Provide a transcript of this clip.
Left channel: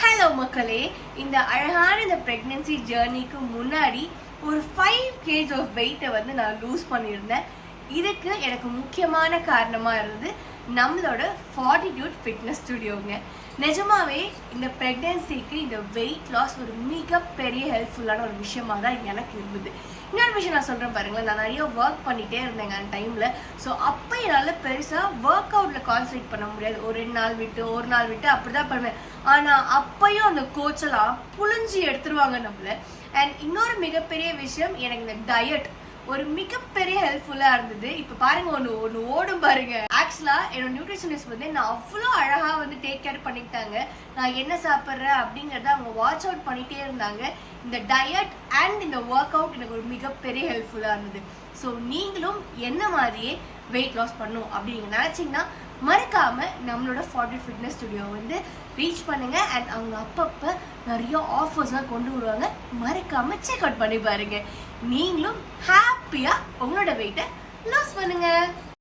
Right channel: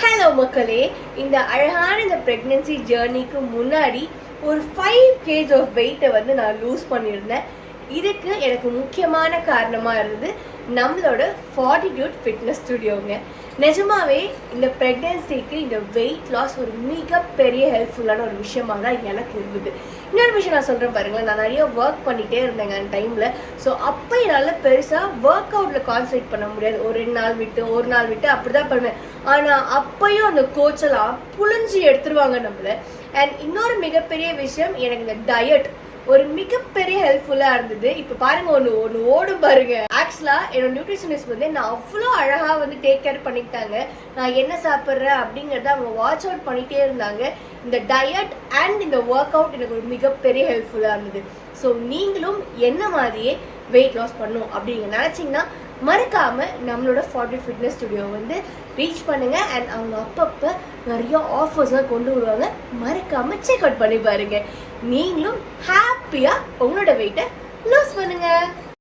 Hello மக்களே, இந்த அழகான இந்த பிரெக்னன்சி ஜேர்னிக்கு முன்னாடி ஒரு 5 kg ஆஃப் வெயிட்டை நான் லூஸ் பண்ணியிருந்தேன். இதுக்கு எனக்கு முக்கியமான காரணமா இருந்தது நம்மளோட ஃபார்ட்டிடியூட் ஃபிட்னஸ் ஸ்டுடியோங்க. நிஜமாவே இந்த பிரெக்னன்சிக்கு இந்த வெயிட் லாஸ் ஒரு மிகப்பெரிய ஹெல்ப்ஃபுல்லான ஒரு விஷயமா தான் எனக்கு இருந்தது. இன்னொரு விஷயம் நான் சொல்றேன் பாருங்களேன், நான் நிறைய ஒர்க் பண்ணிட்டே இருந்தேங்க அந்த டைம்ல. ஸோ அப்போ என்னால் பெருசா ஒர்க் அவுட்ல கான்சன்ட்ரேட் பண்ண முடியாது. ஒரு 2 நாள் விட்டு ஒரு நாள் விட்டு அப்படிதான் பண்ணுவேன். ஆனா அப்பயும் அந்த கோச்செல்லாம் புழிஞ்சு எடுத்துருவாங்க நம்மள. அண்ட் இன்னொரு மிகப்பெரிய விஷயம், எனக்கு இந்த டயட் ஒரு மிகப்பெரிய ஹெல்ப்ஃபுல்லா இருந்தது. இப்ப பாருங்க, ஒன்னு ஓடும் பாருங்க. ஆக்சுவலா என்னோட நியூட்ரிஷனிஸ்ட் நான் அவ்வளோ அழகா டேக் கேர் பண்ணிக்கிட்டாங்க. நான் என்ன சாப்பிட்றேன் அப்படிங்கறத அவங்க வாட்ச் அவுட் பண்ணிட்டே இருந்தாங்க. இந்த டயட் அண்ட் இந்த ஒர்க் அவுட் எனக்கு ஒரு மிகப்பெரிய ஹெல்ப்ஃபுல்லா இருந்தது. ஸோ நீங்களும் என்ன மாதிரியே வெயிட் லாஸ் பண்ணும் அப்படிங்க நினைச்சீங்கன்னா மறக்காம நம்மளோட ஃபார்ட்டிடியூட் ஃபிட்னஸ் ஸ்டுடியோ ரீச் பண்ணுங்க. அண்ட் அவங்க அப்பப்ப நிறைய ஆஃபர்ஸ்லாம் கொண்டு வருவாங்க. மறக்காம செக் அவுட் பண்ணி பாருங்க. நீங்களும் ஹாப்பியா உங்களோட வெயிட்டை லூஸ் பண்ணுங்க.